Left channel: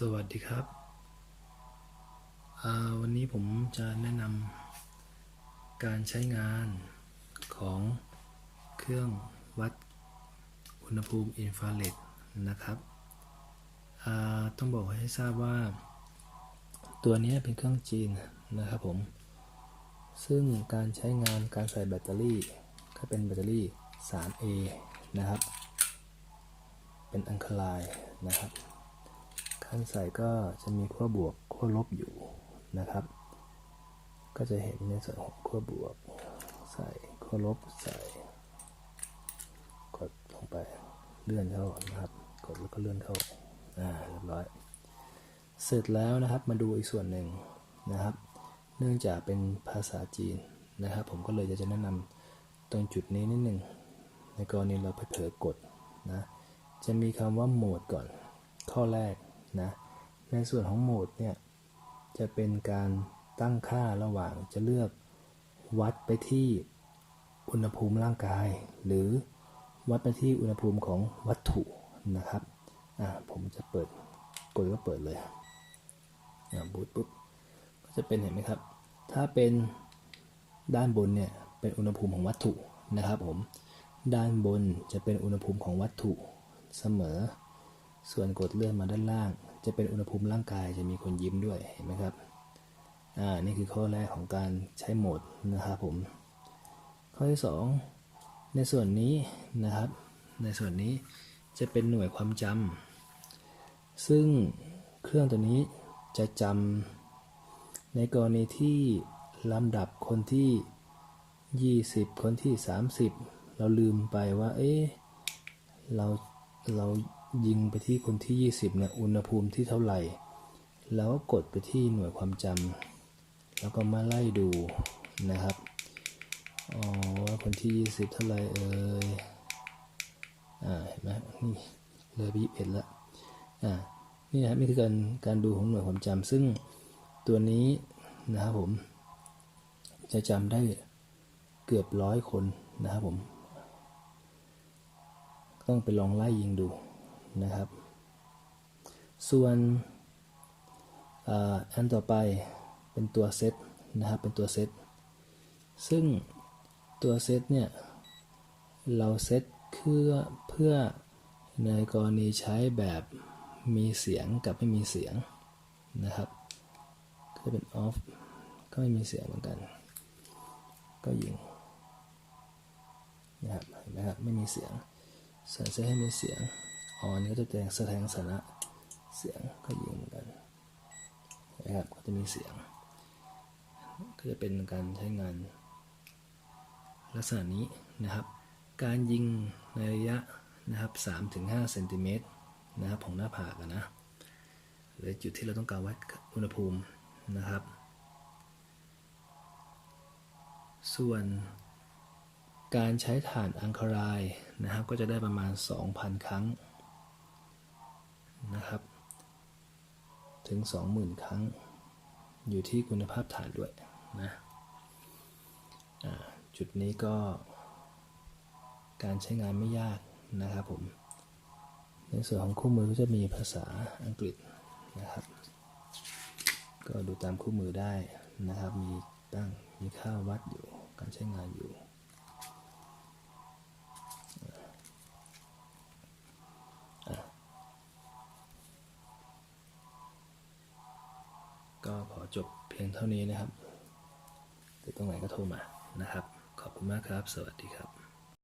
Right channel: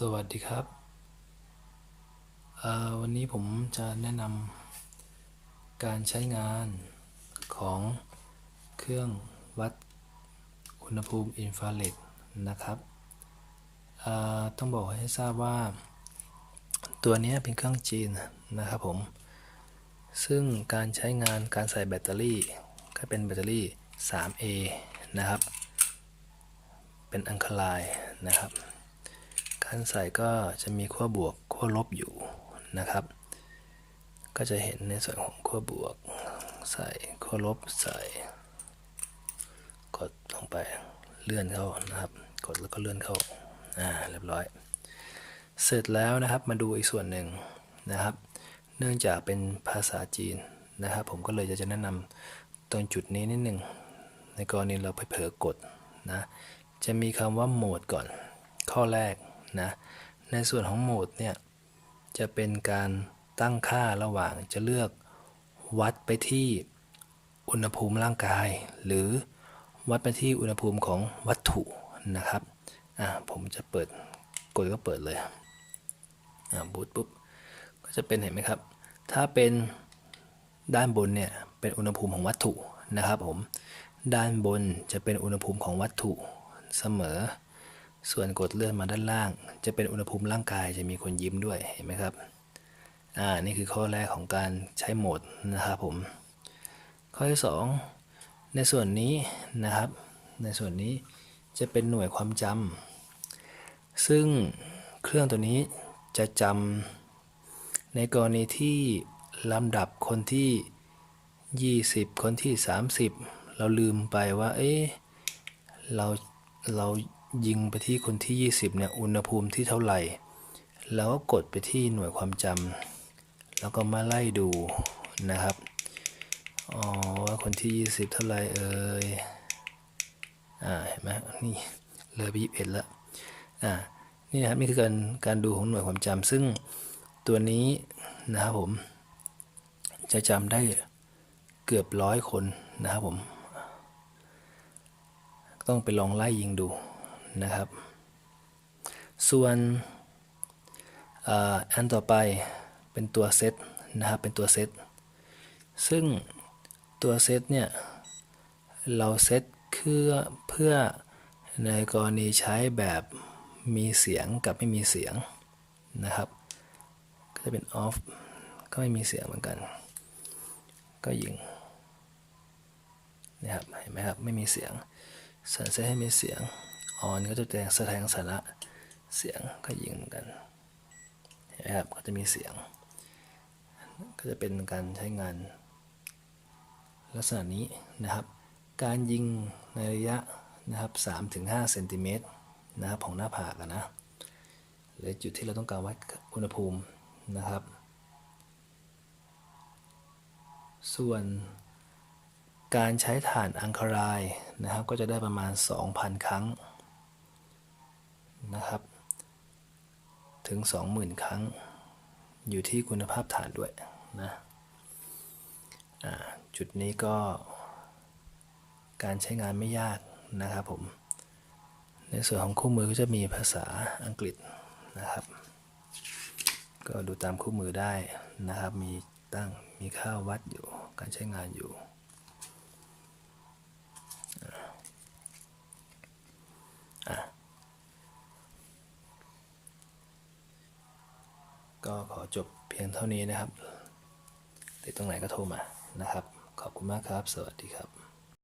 สวัสดีครับ วันนี้ผมจะแนะนำการใช้งานของเครื่องวัดอุณหภูมิอินฟราเรดนะครับต้องบอกให้ทราบว่า ตัวนี้เป็นเครื่องจีนนะครับผม ซึ่งการใช้งานการใส่แบตเตอรี่ก็เป็นแบตเตอรี่ 3A นะครับ เป็นอังคลายนะครับ การใส่ก็จะมีขั้วบวกขั้วลบอยู่นะครับ ก็จะเห็นในส่วนของขั้วบวก ใส่ขั้วลบใส่ กดลงไปเลื่อนเข้านะครับ กดแล้วก็เลื่อนเข้าอ่าเรียบร้อย เสร็จแล้วนะครับมาดูอีกส่วนหนึ่งนะครับ เนื่องจากเป็นภาษาจีนนะครับ ผมก็เลยจะแนะนำตรงจุดนี้นิดหนึ่งในกรณีเราไปเผลอกดนะจะมีคำว่าโหมดก่อน ข้อแรก นะในส่วนของโหมดเนี่ยจะเป็นการตั้งค่าระหว่างจะเลือกวัดไปที่อุณหภูมิร่างกาย หรือวัดไปที่อุณหภูมิของวัตถุนะครับอ่าผมจะเปิดกดก็เปิดเลยอ่าบูตปุ๊บก็จะเป็นเห็นไหมครับ ถ้าเป็นด้านบนเนี่ยเป็นอุณหภูมิของวัตถุนะครับผมด้านบนจะเป็นอุณหภูมิของวัตถุเสมอ ส่วนกดเลื่อนมาด้านล่าง จะเป็นอุณหภูมิร่างกายจะมีคนยิ้มด้วยเห็นไหมครับอ่านี่คือข้อแรกของการใช้โหมดนะครับผม ข้อที่ 2 ในส่วนนี้นะครับ ในส่วนนี้จะเป็นหน่วยความจำซึ่งเครื่องตัวนี้จะจำในกรณีที่ลำดับคนที่ 20 คนที่ 30 เราลืมไปว่า เอ๊ะเราเรา ยิงไปที่คนที่ 20เนี่ยอุณหภูมิที่เท่าไหร่ แล้วก็กดไปที่หน่วยความจำแล้วก็มาไล่ดูนะครับอ๋อว่าคนที่ 20 เท่าไหร่เอ่ยอ่าเห็นไหมนี่เลือไป21แล้วอ่านี่นะครับนี่คือการการดูของหน่วยความจำซึ่งตัวนี้นะครับผม จะจำได้เกือบร้อยคนนะครับผม ต้องไปลองไล่ยิงดู นะครับ ส่วนอันต่อไปเป็นตัวเซตนะครับ เป็นตัวเซต ซึ่งตัวเซตเนี่ย เราเซตเพื่อเพื่อในกรณีใช้แบบมีเสียงกับไม่มีเสียงนะครับ ก็จะเป็นออฟก็ไม่มีเสียงเหมือนกัน ก็ยิงนะครับ เห็นไหมครับ ไม่มีเสียงส่วนเซตให้มีเสียง ออนก็จะแสดงแสดงสาระเสียงก็ยิงเหมือนกันนะครับก็จะมีเสียง ก็จะเป็นการใช้งาน ลักษณะนี้นะครับ การยิงในระยะนะครับ3-5เซนติเมตรนะครับของหน้าผากนะหรือจุดที่เราต้องการวัดอุณหภูมินะครับ ส่วนการใช้ฐานอังคารายนะครับ ก็จะได้ประมาณ 2,000 ครั้ง นะครับ ถึง 20,000 ครั้ง อยู่ที่คุณภาพฐานด้วยนะจุดนี้ก็ การใช้งานไม่ยากนะครับผม ในส่วนของคู่มือก็จะมีภาษาอังกฤษนะครับ ก็ดูตามคู่มือได้นะครับ มีตั้งมีค่าวัดอยู่ การใช้งานอยู่ ก็ขอจบเพียงเท่านี้นะครับ ติดตรงไหนก็โทรมานะครับ ขอบคุณมากครับ สวัสดีครับ